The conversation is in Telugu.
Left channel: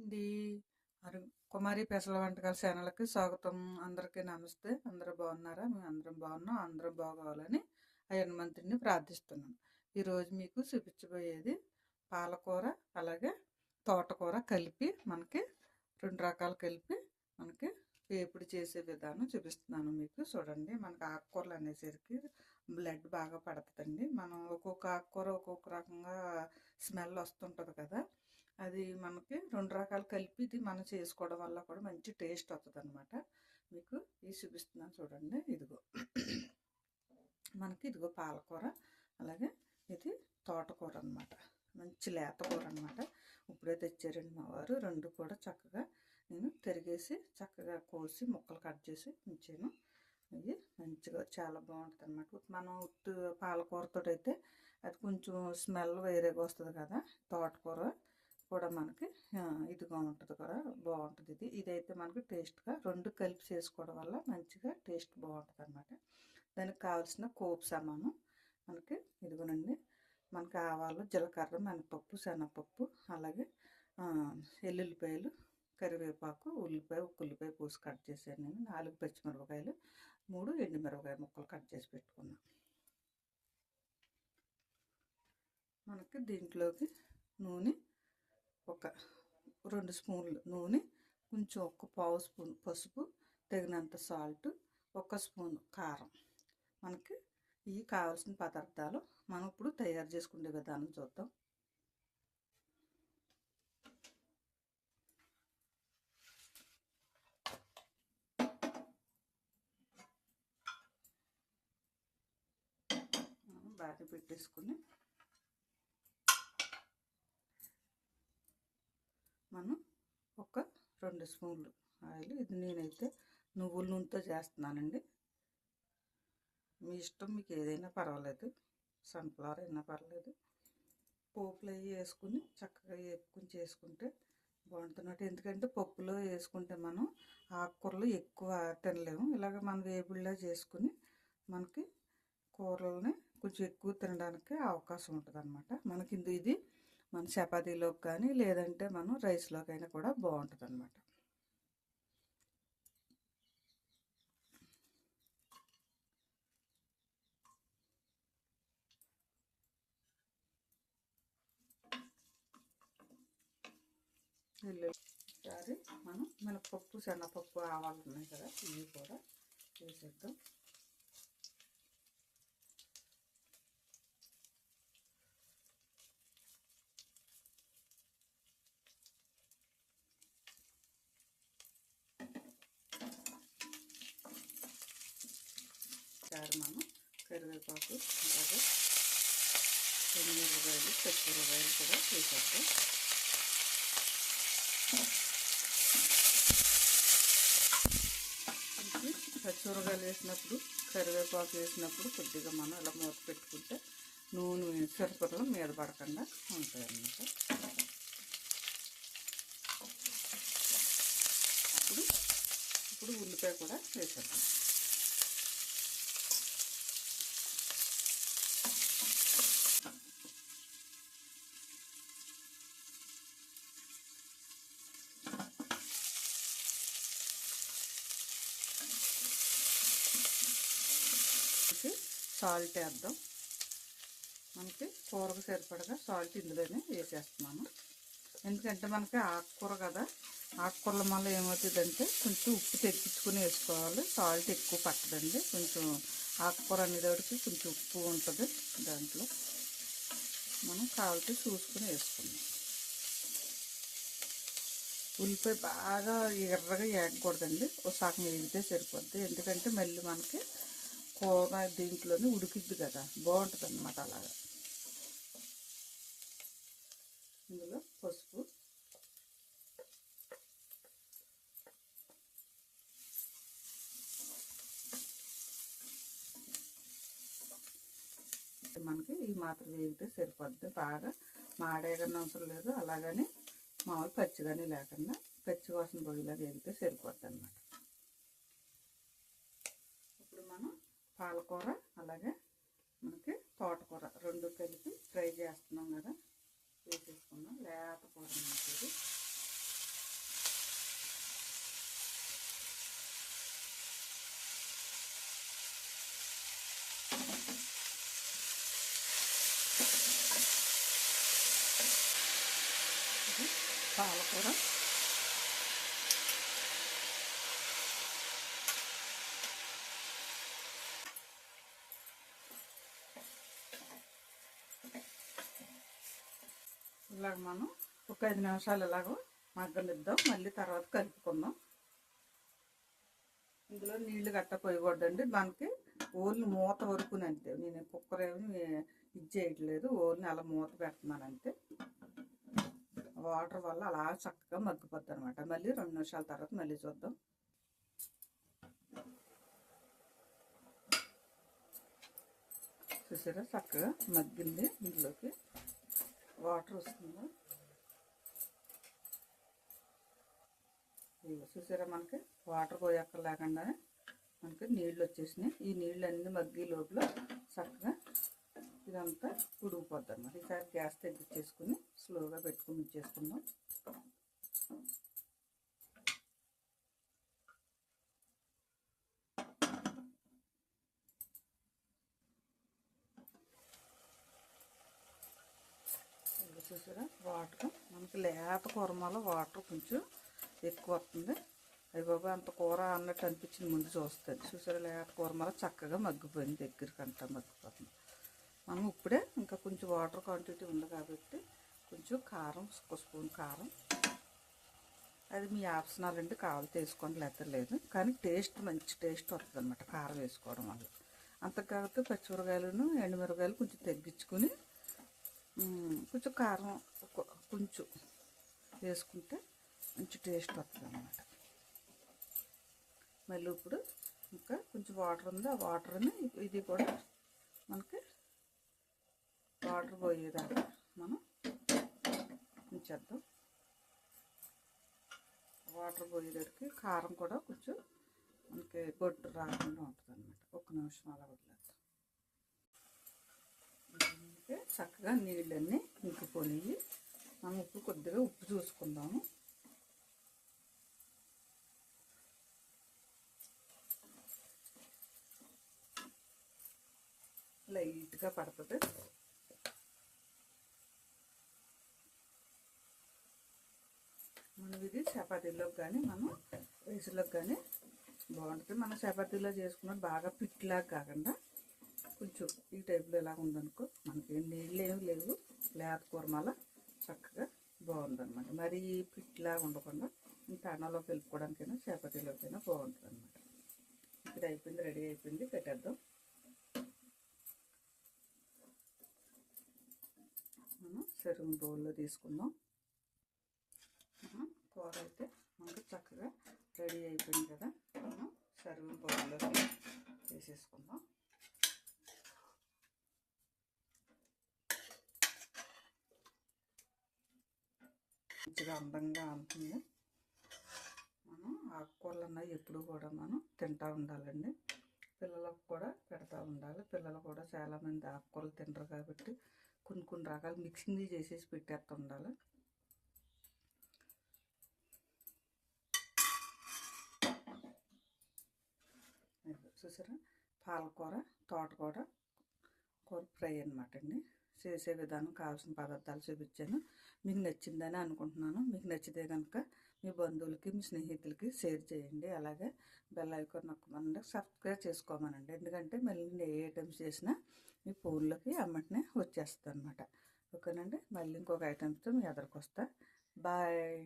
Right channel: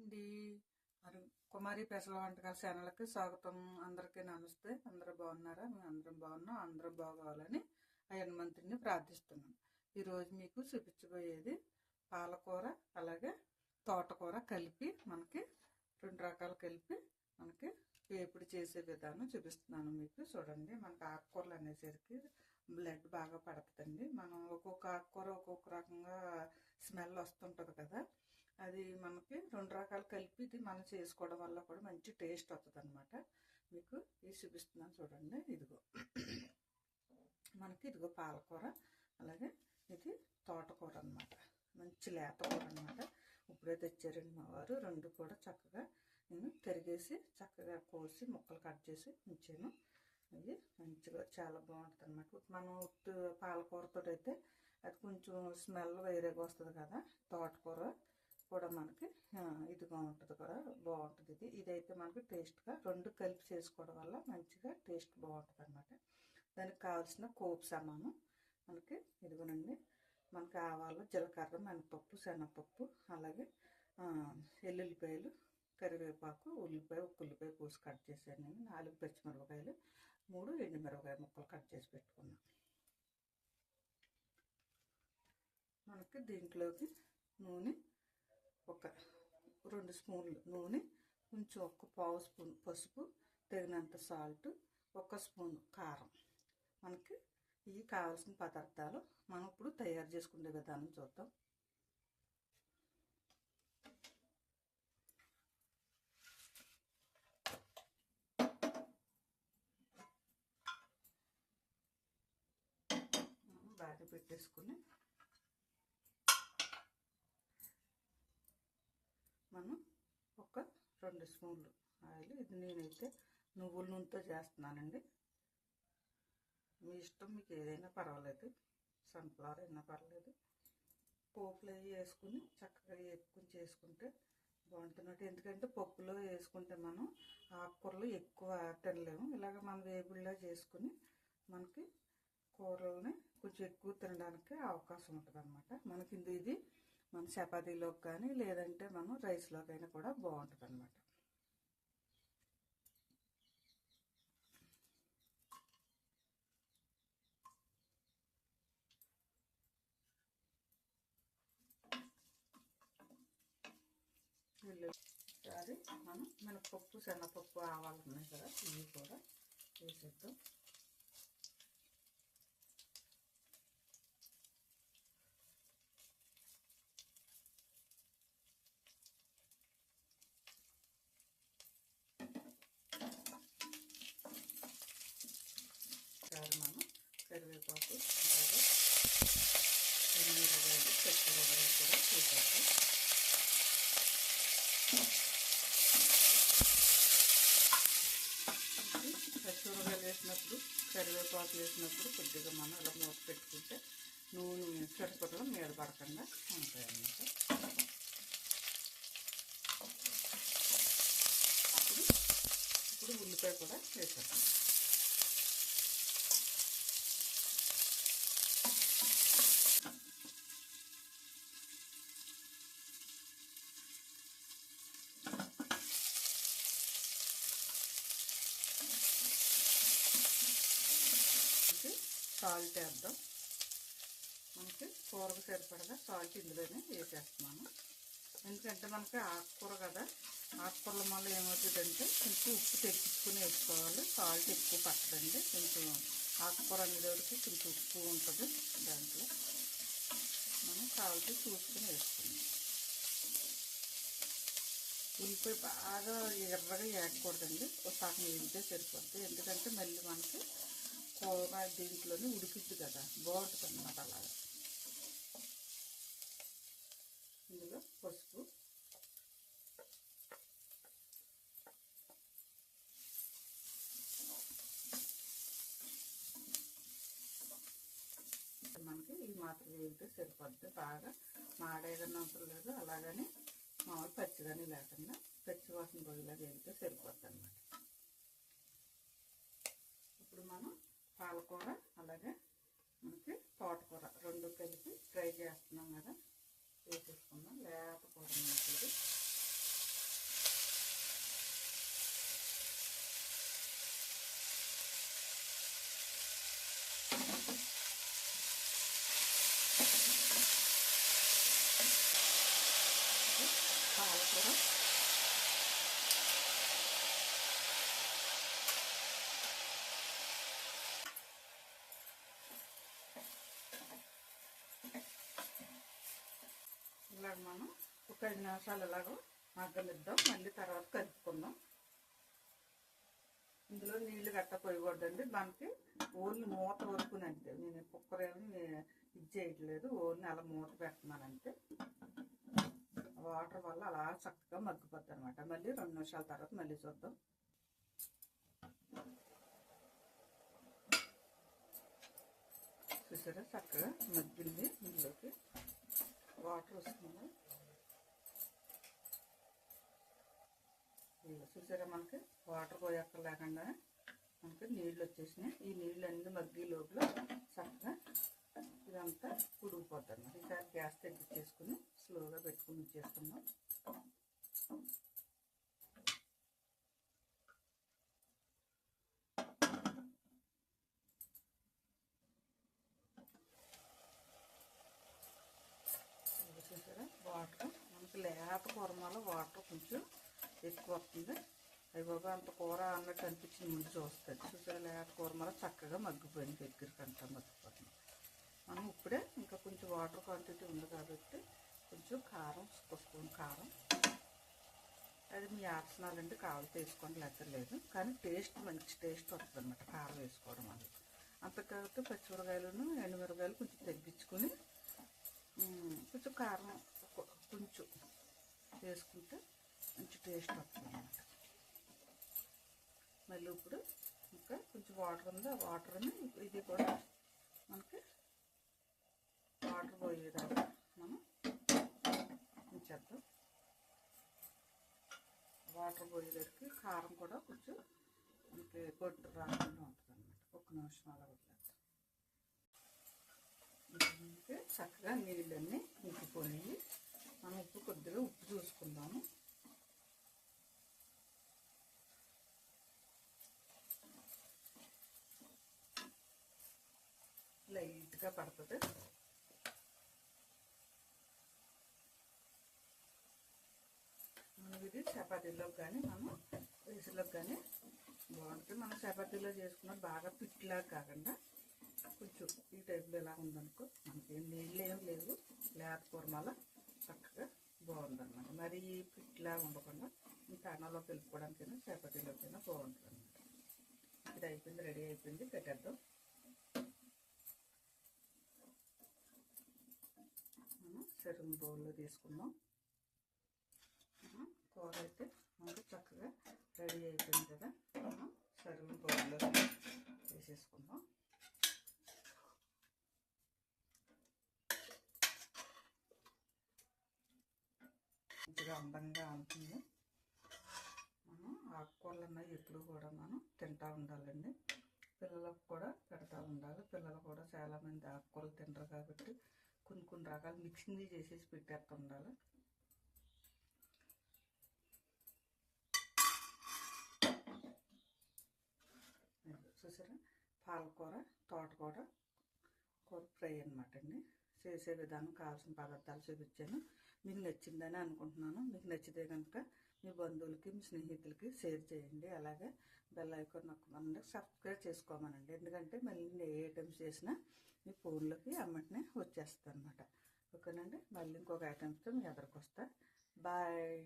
అండి. అరు కుమారి పెసల వంటకాల ఛానల్కి స్వాగతం. అందరికీ నమస్తే. అందరూ బాగున్నారా? మేము అందరం బాగున్నాం. అందరం బాగోవాలని ఆ హనుమంతుడిని ప్రార్థిస్తున్నాను ఈరోజు మీకు చూపించబోయేది పాలకూర అలాగే తోటకూర కలిపి మనకి రెండు రకాలు కలిపి మనకి వేపుడు చేసే విధానం చూపిస్తున్నాను మీకు. చూడండి మనకి ఆకుకూరలు అనేసరికి బ్లడ్ బాగా పడుతుందండి. మనం ఒక్కొక్క ఆకుకూర ఒక్కొక్క రకంగా స్మెల్ వస్తుంటుంది కదా. అది మనకి రెండు రకాలు కలిపి ఇది మనం చేసుకోవడం వల్ల కూడా మంచి టేస్ట్ వస్తుంది అనమాట మీకు ఇది చూపిస్తున్నాను చూడండి ఇదిగో. మనకి ఇదిగో పాలకూర అలాగే ఇది తోటకూర అనమాట మంచి లేతకూర అనమాట ఇప్పుడే తెచ్చారండి మా వారు రెండు కూడా చక్కగా నేను తిరిగేసి చక్కగా కోసి ముక్కలు కట్ చేసి ఉంచాను. ఇది మంచిగా చాలా బాగుంటుంది అనమాట మనం పాలకూరతో అయితే అది కొంచెం స్మెల్ వేరేగా వస్తుంది కదా తోటకూర. కూడా మనకి ఇదిగా ఉంటుంది కూడా బాగుంటుంది ఇది. ఇదైతే మనకి టేస్ట్గా రెండు కలిపి చేసుకోవడం వల్ల మంచిగా టేస్ట్ బాగుంటుంది అనమాట దానికి కావాల్సిన కోపు సామాను మనకి ఇదిగోనండి. మనకి ఆవాలు జీలకర్ర మినపప్పు శనగపప్పు అలాగే ఎల్లుల్లిపాయలు కరివేపాకు ఉల్లిపాయ ఒక ఉల్లిపాయ పూసి కట్ చేశాను నేను. నాలుగు పచ్చిమిరపకాయలు మూడు ఎండుమిరపకాయ ముక్కలు కట్ చేసి పెట్టుకున్నాను మనకి దీంట్లోకి నూనె ఒక రెండు స్పూన్లు నూనె కొంచెం ఒక పావు స్పూన్ పసుపు తగినంత సాల్ట్ ఒక స్పూన్ కారం. మనకి ఇవి కావాల్సిన పదార్థాలు మనం ఇప్పుడు తయారు చేసుకునే విధానం చూద్దాం. బాగా పెట్టేసుకుని మనం ఒక రెండు స్పూన్లు ఆయిల్. ఇది నేనైతే నువ్వుల నూనెతో చేస్తున్నానండి. మీ ఇష్టం మీకు ఏదైనా పర్వాలేదు. సన్ఫ్లవర్ అయినా పర్వాలేదు. పోపులు అవి వేసుకుని చక్కగా వేపుకుని చేసుకుంటే బాగుంటున్నట్టు ఎందుకంటే పప్పులో వేసుకుంటే మనం ఆకుకూరలు ఎక్కువ తినలేము. ఇలాగ మనం వేపుల్లో చేసుకుని మనకి కూరలని కొంచెం ఎక్కువ తినడానికి అవకాశం ఉంటుంది అనమాట మనకి ఇది మన చపాతీలోకి కానీ లేదంటే మనం రైస్లోకైనా కూడా బాగుంటుంది అనమాట ఒకసారి మనం మినపప్పు శనగపప్పు ఆవాలు ఉన్నాయి కదా ఇవి కూడా వేసేద్దాం. కరివేపాకు అలాగే ఎనిమిరకాయలు చక్కెరకాయలు కూడా చేసాము పచ్చిమిరకాయలు వేసినప్పుడు కరివేపాకు వేసినప్పుడు కొద్దిగా మనం అలా మూత పెట్టుకుంటే నూనె సరిపడలు మీద పడకుండా ఉంటాయన్నమాట. ఇప్పుడు ఇప్పుడు ఉల్లిపాయ కూడా వేసేస్తాం సాల్ట్ వేద్దాం. మనకి కూరకు సరిపడగా సాల్ట్ ఇందులోనే వేసేస్తున్నాను. ఎందుకంటే మనకి ఆకుకూర కదా ఆకుకూరల వల్ల ఏమవుతుందంటే కొంచెం ఉప్పు తెప్పించుకుని వేసుకోవాలి. సాల్ట్ ఎక్కువ పట్టదండి. కొంచెం ఆకుకూర అనేటప్పటికి కొంచెం ఉప్పు ఉంటుంది దాంట్లో. మనం సాల్ట్ చూసుకుని వేసుకున్నాం ఉల్లిపాయ బాగా ఎర్రగా వేయకూడదండి ఒక సగం వేగితే సరిపోద్ది. ఎందుకంటే మళ్ళీ మనకి కూర దీంట్లోనే ఉడికిద్ది కదా బాగుంటుంది అన్నమాట అలాగా. ఇందులో పసుపు. మనకి ఈ మాత్రం వేగితే సరిపోద్ది? బాగా మాడేగానే అవసరం లేదు అలాగని మామూలు పచ్చిగానే లేకుండా పచ్చి వాసన పోయేలా వేగితే సరిపోద్ది అన్నమాట ఇప్పుడు మనం పాలకూర అలాగే మనకి తోటకూర రెండు కలిపి ఫ్రై చేస్తున్నాం కదా వేసేసుకుందాం లేత కూర ఇది పాలకూర ఇలాగ మనం ఒక ఐదు నిమిషాలు ఇలాగ మగ్గనిద్దాం. మళ్ళీ తర్వాత కలుపుకుందాం. ఇందులో నీళ్ళు గట్ట పోయకూడదండి. దానికి ఓన్లీ మూత వరకు అంతే. నేను కుక్కర్ ఏమి ఇది చేయట్లేదు. ఓన్లీ అలా మూత పెడుతున్నాను అంతే. వాటర్ వల్ల అలా చక్కగా మగ్గిపోద్ది అనమాట మళ్ళీ రెండు నిమిషాల తర్వాత మళ్ళీ చూద్దాం. చూసారా? చక్కగా మగ్గింది ఇందులోకి. వాటర్ వస్తుంది ఇదిగో చూసారా మనకి? వాటర్ పోయక్క లేకుండా మనకి నీళ్ళు వచ్చేసినాయి. ఈ నీళ్ళు అన్ని మగ్గి లోపల చక్కగా ఇదంతా ఉడికిపోద్ది అన్నమాట. ఈసారి గ్యాస్ తగ్గించేసుకుని స్లోగా పెట్టుకుని ఇచ్చేసుకుందాం ఇది చూసారా? వాటర్. మనకి లేత కూరమాలో వాటర్ కొంచెం ఎక్కువ వస్తుంది. అయ్యి అంత కూర అన్నట్టు అనిపించింది ముందు చూస్తుంది చూసారా లేత కూరమాలో చక్కగా మగ్గిపోయింది దగ్గరికి అంతా మగ్గిపోతుంది. మనం ఇప్పుడే ఇంకా కొంచెం వాటర్ క్వాంటిటీ ఉంది కాబట్టి కొంచెం కారం ఒక స్పూన్ కారం. అది మీ ఆప్షనల్ అండి కావాలి తీసుకోండి లేకపోతే లేదు. కానీ టేస్ట్ మంచి టేస్ట్ వస్తుంది అనమాట కారం వేసుకోవడం వల్ల. అంతకాకపోతే పచ్చిమిరకాయలను ఎండుమిరకాయలు కొంచెం తగ్గించుకుని కొంచెం కారం కొంచెం వేసుకుంటే మంచి టేస్ట్ వస్తుంది అన్నమాట. మళ్ళీ ఇప్పుడు ఇంకా కొంచెం వాటర్ ఉంది. ఆ వాటర్ని ఇది కూడా మనకి వాటర్ పోయేదాకా మనం ఉంచేద్దాం వాటర్ పోయేదానికి కారం కూడా కొంచెం మనకి గొడ్డు రాకుండా ఉంటుంది అనమాట ఒక నిమిషం అలా అయితే చక్కగా నీళ్ళన్నీ ఇంకిపోయాయి మనం ఉప్పు కొద్దిగా ఉప్పు చూసుకుందాము. లైట్గా పడుతుంది మనం ఇది చపాతీలోకి కానీ మనం రైస్లోకి కానీ బాగుంటుంది. మనం చపాతీలో చేసుకున్న బాగా పిట్లాగా కాకుండా కొంచెం ఈ టైప్లో ఎలా ఉందనుకో మనకి నీళ్ళు ఏమి లేవు. లేత కూరమాల చక్కగా బాగుందన్నమాట. మరీ పిట్లా ఉండకుండా ఇంకా అన్నంలో వెళ్ళుకోవడానికైనా చేపతీలోకైనా బాగుంటుంది అనమాట ఇది అయిపోయింది రెడీ అయిపోయింది పెట్టేద్దాం. మనం సెరుగు బౌల్లో తీసుకుందాం. కూర అయితే మనకు చక్కగా రెడీ అయిపోయింది కదా. మనం సర్వింగ్ బౌల్లో వేసేసుకుందాం. మంచిగా అందంగా ఉంటుంది మనం ఆకుకూరలు అన్నవి ఎప్పుడు కూడా మనం తింటూ ఉండాలండి. పిల్లలకు కూడా పెడతా ఉండాలి. పిల్లలు కూడా చాలామంది ఆకుకూరలు తింటారు కాబట్టి కొన్ని కొన్ని రకాలు మిక్సింగ్ చేసేసి పెట్టేస్తూ ఉండాలి. చూసారా? పాలకూర తోటకూర కూర ఫ్రై అనమాట అండి. చేసే విధానం కావాల్సిన పదార్థాలు చూపించాను. మీకు నచ్చిందని అనుకుంటున్నాను. మీకు నచ్చితే కనుక మీ బంధువులకి మీ స్నేహితులకి షేర్ చేయండి. అలాగే బెల్ ఐకాన్ నొక్కమనండి. సబ్స్క్రైబ్ చేసుకోమనండి. ఎందుకంటే మళ్ళీ నేను ఏ ఐటమ్స్ చేసినా మీ ఫోన్లోకి అమ్మటనే వచ్చేస్తుంది అనమాట ఓకేనండి? మళ్ళీ ఇంకొక ఐటమ్స్తో మీ ఎదురుకు వస్తా బాయ్.